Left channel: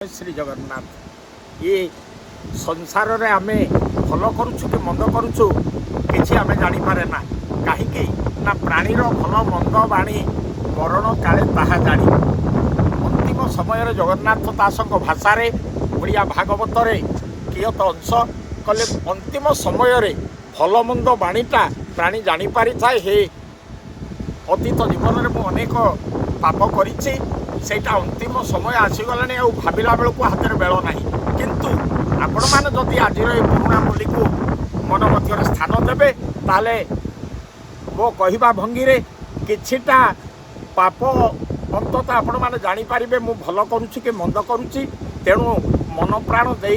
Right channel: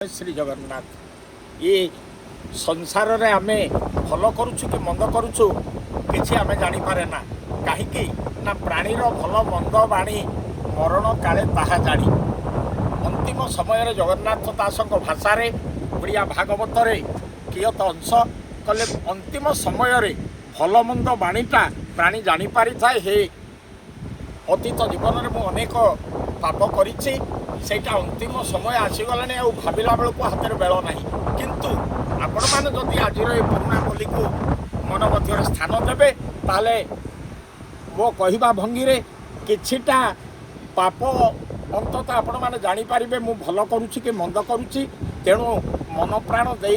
श्री जगन्नाथ ये संसार रे आमे भल करुछु कि मंद करुछु किछि आमे जानी पारे ना कहीं ना प्राणीर भल मंद बाणी मरण काले ताहा जानी अंतिम समय रे जगन्नाथ दासक भाषा रे ओडिया भागवत रे कियत अंश कले अंतिम समय रे भल मंद बाणीटा प्राणी जानी पारि थाए हे अतीत जीवन में अनेक पाप करिछि सेटा अंतिम समय आसीगलानी आ भाविला बेलू हाथ में बेल ना किंतु आपण मैंने जदि आज पुराणा बोली को मन मध्य स्थान देवे ताले मो कहवा भंगी रे किछिटा पाप अंततः आपण मैंने जानीपारे मु भल करुच्ची कि मंद करुच्ची तेणु मन प्राण दे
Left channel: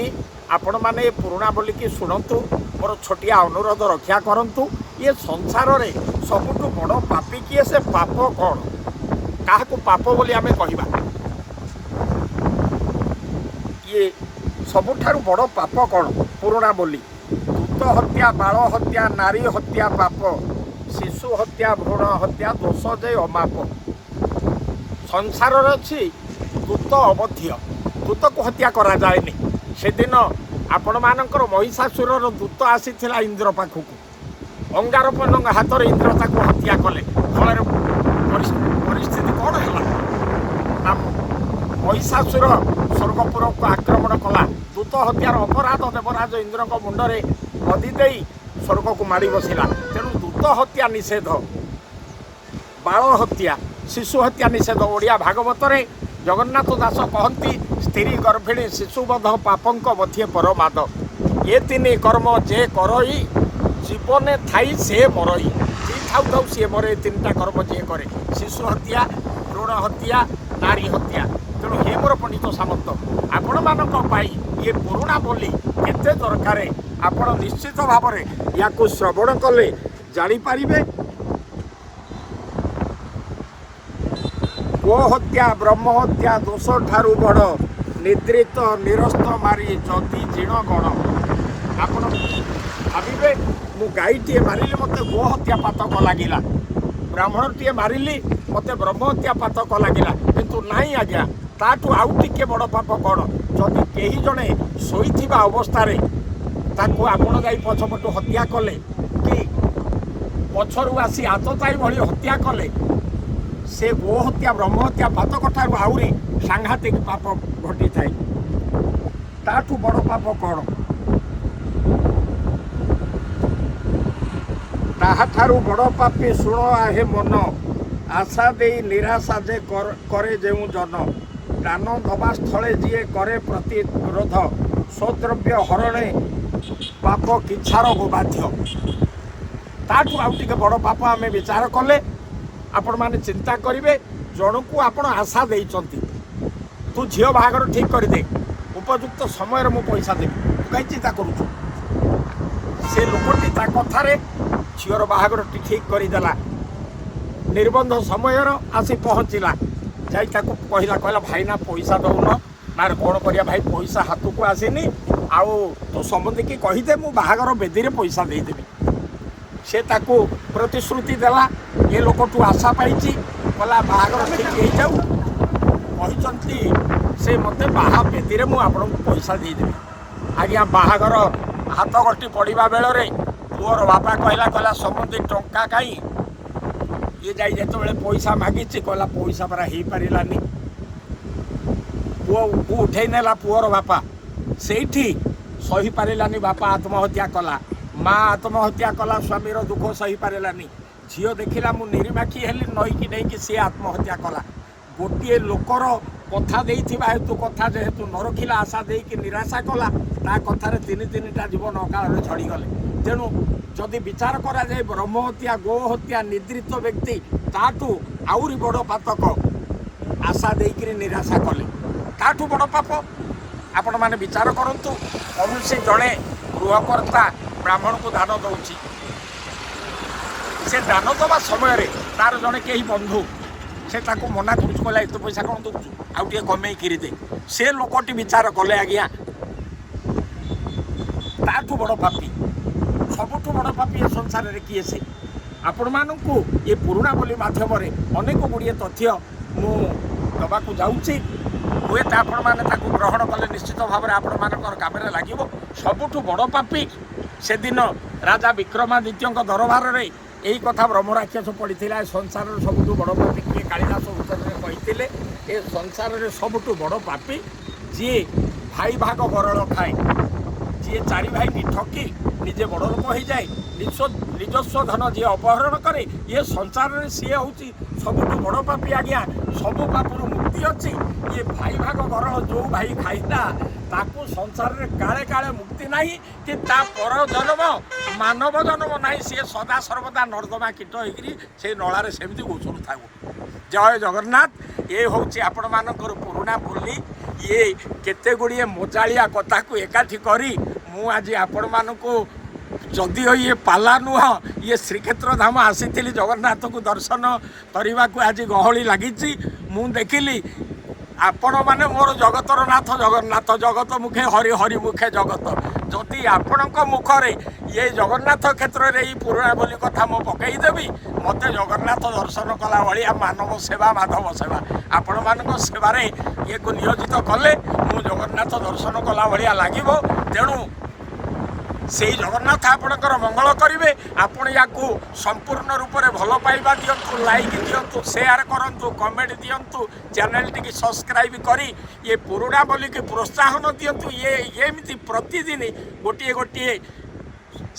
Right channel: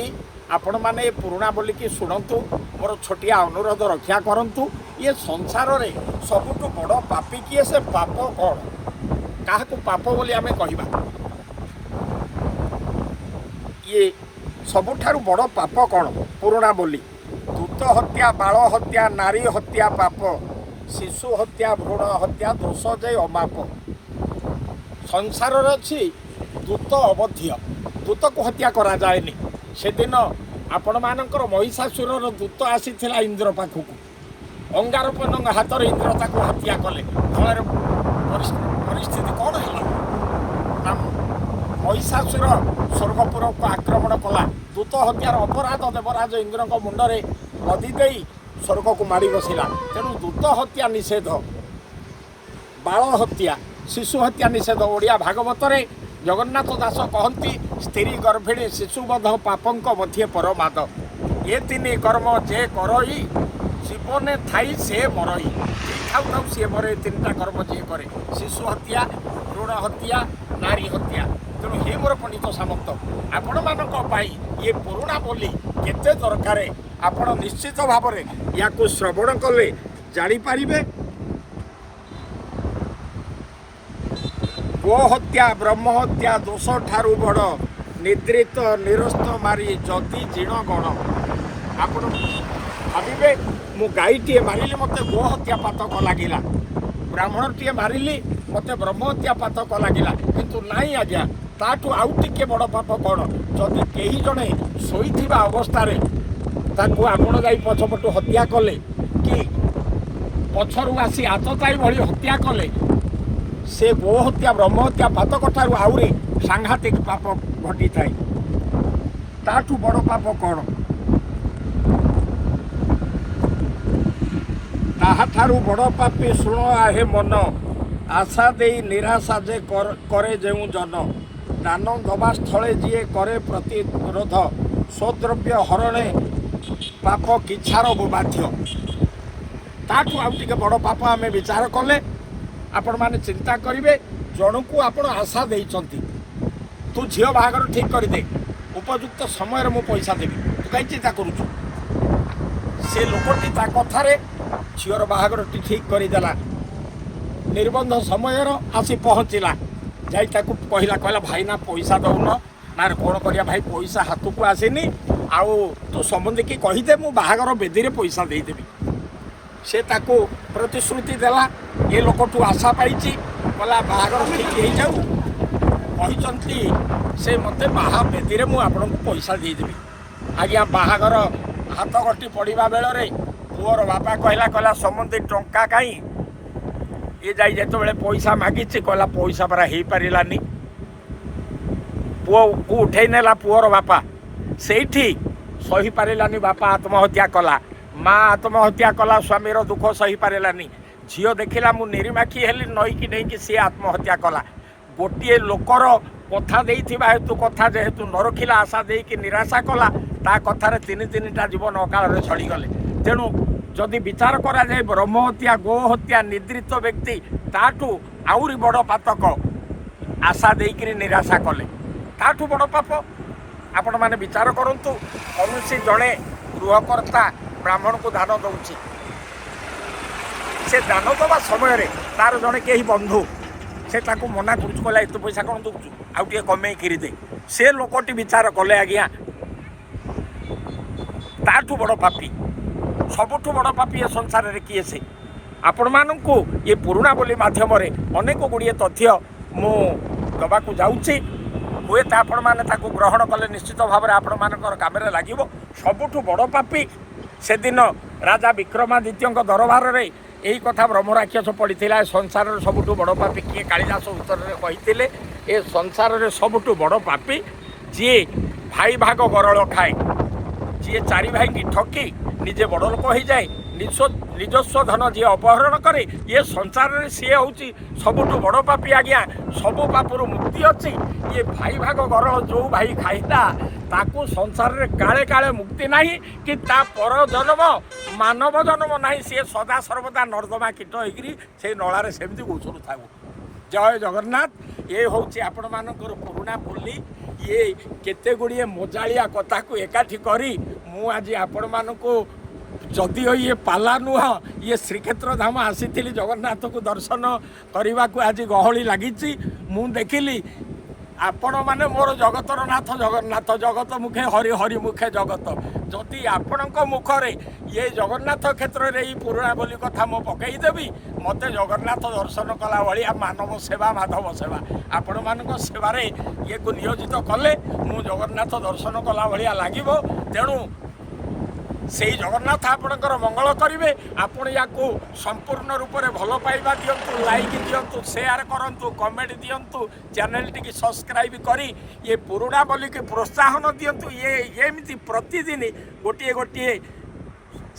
आपण मैंने पुराणा बोली की शुणु मोर छोटिया अनुरोध रक्षा करंतु ये संसार रे सबुठु बड़ पापी किए से पाप कौन क्या पाप बोली आमे कहिबा ये सबुठारु बड़ पाप कौन पुराणा बोली दूत हत्या बाल हत्या नारी हत्या पाप शिशु हत्या भ्रूण हत्या दोष जय अमाप संसार अच्छी दूत अवध्य दूत को हत्या करा जाएनी से दिन आपण मानकर महिषासुर दूत आसी इंद्र पाखक अंगारपन हाथ में इंद्र ताको हत्या कले फल परिस्थिति कौन है महिषासुर स्वर्गपुर को आक्रमण कला दूत हत्यार अपराध देवराज इंद्र मुंडरे गदी दे स्वर्ग को माड़ी बसला तेणु दूत हत्या निषेध बाल हत्या शिशु हत्या निषेध ओडिया भागवत रे जगन्नाथ दास कहती स्त्री गर्भिणी शिशुबध पापंक मध्य परमाद ये तीन कर्म जे करई जीवने थाई से मरई जी थाउ थाउ सी मरे तीन कर्म जी करे शिशु हत्या भ्रूण हत्या नारी हत्या तेणु हे मोर पंडित सामंत आपण मानक पाई ये पुराणा बोली केते दरकार आपण निश्चित भाव में या श्रवण कले जानीपारे गो हत्या ब्रह्म हत्या दोष ठारू बड़ निद्रित निरस्त मारी जदि जीण गण आपण भावे मु गाईटे मारिली मत गो हत्या पातक लगिला ब्राह्मणटीए मारिली मत ब्रह्म हत्या पातक लगिला किंतु नाई आज्ञा ताठू आउ टिके बड़ पाप कौन जदि केही जणे शोइथिबा अवस्था रे ताकू आपण गाई पछपटू हत्या कले कि पछरु आसी आतताई भली हत्या कले से गो हत्या ब्रह्म हत्या पातक ठारू आउरी सांघातिक पाप घटी थाए ताठू बड़ पाप कौन ताहाठारू बड़ पापी शुण आहे मन आशा दे निराशा जे करे जेउ जन दान दबा स्थले जीए करे प्रतिरोध स्वद्रव्य हरणे पाप किछार को बाध्य ताठू आउ टिके बड़ पाप आमे विचार कले आपण माने चिंता करिवे जन को आपण आशा देइचंती तू झियो बाहागर ठीक कर दे उपयुक्त समय मु पैसा देबी तू कहीं चिंता करूछु से लोकटी ता कथारे झीर बाहागर ठीक करदेला निर्बंध समय आसी पहुँचला जाई ताकू कहला कहला भाई ना पैसा दौन ना कौन करिया भाई पैसा हाथ को आसेनी आउ तो संबंधी की कहीदे मु बाहागर बेदी रे पैसा देदेवी से ताकू प्रतिश्रुति देला ये लोकटू आशा पाई कहला बाहागर ठीक हो जाऊ कहते से मते बाहा बेदी रे मु आपन को पैसा देदेवी आज्ञा बाहागर हाथ गटी पड़ा बेल पुअर बापा कहला कहला संबंधी टंका कहीं ये जाई जो पैसा मागी कहला पैसा परा हो पारानी पुओ को उठे नेला पुअर बापा से सही पारानी बापा आत्महत्या कला माँ आत्महत्या कला स्वामीर दुख सही पारानी झील देखला मु निरीमाखी हेली नईकी नहीं सी आत्महत्या कला गोटे लोकर कथा देइथिबा हेतु कथा जेहेतु न रखिला आशा देकी निराशा कला ता कथार तीन तीनटा जीवन अकाल छड़ी गले तेणु जदि विचार करा जाए ब्रह्म हत्या गो हत्या निद्रित व्यक्ति ताठू आउरी बड़ पातक आशा देकी निराशा कले ताठू बड़ पाप आपण माने विचार करंतु कौन जड़े गृहकर्ता ब्राह्मण को दान दौची से दान दवा समय रे तार जड़े कहीं बंधु से ताको मना करूँ कहला एत पैसा कौन दौचु आउ टे कमे किरी दे से लोकटी विचार कले आज्ञा ताठू बड़ पापी सबुठू बड़ पापी ए संसार रे किए से आपण मानू ये पुराणा बोली माध्यम अनेक गुड़िए तथ्य मु दबाकू जाऊँगी ହୁଏତ ଆପଣମାନେ ତାକୁ ଗ୍ରହଣ କଲେ ନିଶ୍ଚିତ ଭାବରେ ଆପଣମାନଙ୍କର କାମରେ ଲାଗିବ। ସବୁଠୁ ବଡ଼ ପାପୀ ସେଦିନ ରାଜା ବିକ୍ରମାଦିତ୍ୟଙ୍କ ଦରବାରରେ ଏହି କଥା ବ୍ରହ୍ମରାକ୍ଷସ ପଡ଼ିଥିଲା। ଏ ସଂସାରରେ ସବୁଠୁ ବଡ଼ ପାପୀ କିଏ? କାଳିଦାସ ଉତ୍ତରରେ କହିଥିଲେ ଏ ସଂସାରରେ ସବୁଠୁ ବଡ଼ ପାପୀ ଯିଏ ଭାଇ ଭାଗ ଗରଳ ଖାଏ, ଯିଏ ଚାରି ଭାଇଙ୍କି ଠକି ନିଜେ ବଡ଼ ଲୋକ ହେଇଯାଏ, ନିଜସ୍ୱ ଧନ ଯିଏ ଅପହରଣ କରେ, ଇଏ ସଂସାରରେ ସିଏ ହେଉଛି ସବୁଠୁ ବଡ଼ ପାପୀ। ଆଜ୍ଞା, ସବୁ ପାପରୁ ମୁକ୍ତି ଅଛି। ଇଏ ଭାଇ ଭାଗ ଗରଳ ଯେଉଁ ଭାଇ ଖାଇଲା ତାକୁ ସଂସାରରେ କାଳେ କାଳେ ମୁକ୍ତି ନାହିଁ, କି ତା ପର ଜନ୍ମ ମାନବ ଜନ୍ମ ନାହିଁ। ସିଏ ସଦା ସର୍ବଦା ନର୍ଦ୍ଦମା କୀଟ ହେଇକିରି ସେଇ ନଳାରେ ସେମିତି ଗୋଚରୁଥାଉ। ଜୟ ଜଗନ୍ନାଥ। ଏ ହେଉଛି ଆପଣମାନଙ୍କର ପୁରୁଣା ବୋଲି। ଇଏ କେତେ ଗୁଡ଼ିଏ ମଜାଳିଆ କଥାକୁ ଏକାଠି କରି ମୁଁ ଆଜି ଆପଣମାନଙ୍କୁ, ଯଦିଓ ଇଏ ପାଲା ନୁହଁ, ଇଏ ଶ୍ରୀକ୍ଷେତ୍ର ଧାମ ଆସିଥିଲି ଜଗନ୍ନାଥକୁ ଦର୍ଶନ କରିବାକୁ। ଆଜି ଗହଳି ଲାଗିଛି। ମୁଁ ଦେଖିଲି ଆପଣମାନେ ମୋର ଜଗତର ନାଥ ଜଗନ୍ନାଥ, ଜଗତ ମୁଖେ ହରି, ହରି ମୁଖେ ଜଗତ। ଯଦି ଆପଣଙ୍କ ମୁଖରେ ଇଏ ଜଗନ୍ନାଥ କ୍ଷେତ୍ରରେ ଏଇ ପୁରୁଣା ବୋଲି କଥା ମୁଁ ପକେଇଦେବି, ମୋତେ ଜଗନ୍ନାଥ ଦର୍ଶନ କଲା ଭଳିଆ ମାନବ ସେବା, ମାଧବ ସେବା, ଆପଣମାନଙ୍କ ସେବାରେ ଇଏକୁ ନିୟୋଜିତ କଲେ ମୁଁ ଜଗନ୍ନାଥ ଦର୍ଶନ କଲା ଭଳିଆ ଲାଗିବ। ତେଣୁ ସେଇ ଜଗନ୍ନାଥ ଆପଣଙ୍କର ମଙ୍ଗଳ କରିବେ। ଆପଣ ୟାକୁ ସମ୍ପୂର୍ଣ୍ଣ ରୂପରେ ଭଲ ପାଇବା ଦିଅନ୍ତୁ, ଲାଇକ୍ ଦିଅନ୍ତୁ, ସେୟାର କରନ୍ତୁ, କମେଣ୍ଟ ଦିଅନ୍ତୁ, ଚ୍ୟାନେଲଟିକି ସବସ୍କ୍ରାଇବ୍ କରି ଇଏ ପୁରୁଣା ବୋଲିକି ପ୍ରୋତ୍ସାହନ ଦିଅନ୍ତୁ। ଏମିତି ପ୍ରତିଦିନ ଗୋଟିଏ ଗୋଟିଏ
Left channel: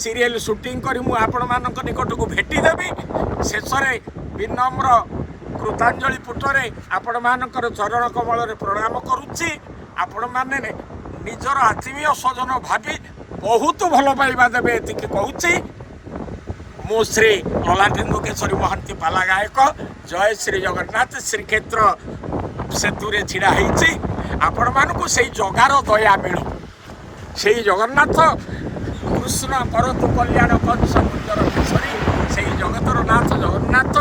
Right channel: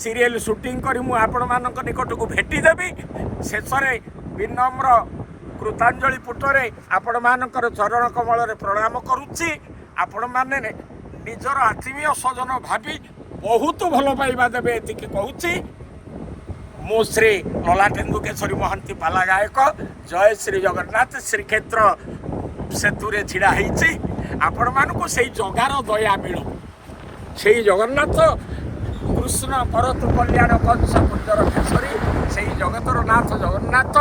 ସିରିଏଲ ସୁଟିଂ କରି ମୁଁ ଆପଣମାନଙ୍କ ନିକଟକୁ ଭେଟିଦେବି। ଶେଷରେ ବିନମ୍ର କୃତାଞ୍ଜଳି ପୁଟରେ ଆପଣମାନଙ୍କର ଚରଣ କମଳରେ ପ୍ରଣାମ କରୁଛି। ଆପଣମାନେ ନିଜର ଆତ୍ମୀୟ ସ୍ୱଜନ ଭାବି ବହୁତ ଭଲ ପାଇବା ଦେବେ, ଏତିକି କହୁଛି। ମୁଁ ଶ୍ରୀ ଲଲାଟେନ୍ଦୁ କେଶରୀ ମହାନ୍ତି ପାଲା ଗାୟକ। ଜୟ ଶ୍ରୀ ଜଗନ୍ନାଥ। ଶ୍ରୀକ୍ଷେତ୍ର ସେତୁରେ ଛିଡ଼ା ହେଇଛି। ଆପଣମାନଙ୍କୁ ସେଇ ଜଗାର ଦୟା ମିଳୁ। ସେଇ ଜଗନ୍ନାଥ କୃଷ୍ଣ କରତୁ କଲ୍ୟାଣ କଂସ କୁଞ୍ଜର କେଶରୀ, ସେଇ ଜଗତର ନାଥ ଜଗନ୍ନାଥ,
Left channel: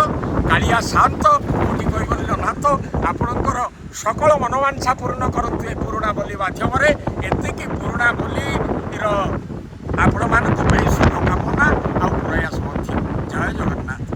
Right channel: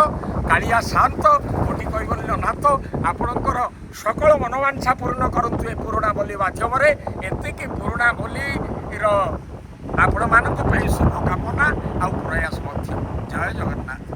କାଳିଆ ଶାନ୍ତ, କୋଟି କୈବଲ୍ୟ ନାଥ ଆପଣଙ୍କର সকল ମନୋବାଞ୍ଛା ପୂର୍ଣ୍ଣ କରନ୍ତୁ ଏ ପୁରୁଣା ବୋଲି ମାଧ୍ୟମରେ। ଏତିକି ପୁରୁଣା ବୋଲିର ଆପଣମାନଙ୍କ ପାଇଁ ଶୁଭକାମନା ଆଉ ପ୍ରୟାସ ମଧ୍ୟ। ଜୟ ଜଗନ୍ନାଥ।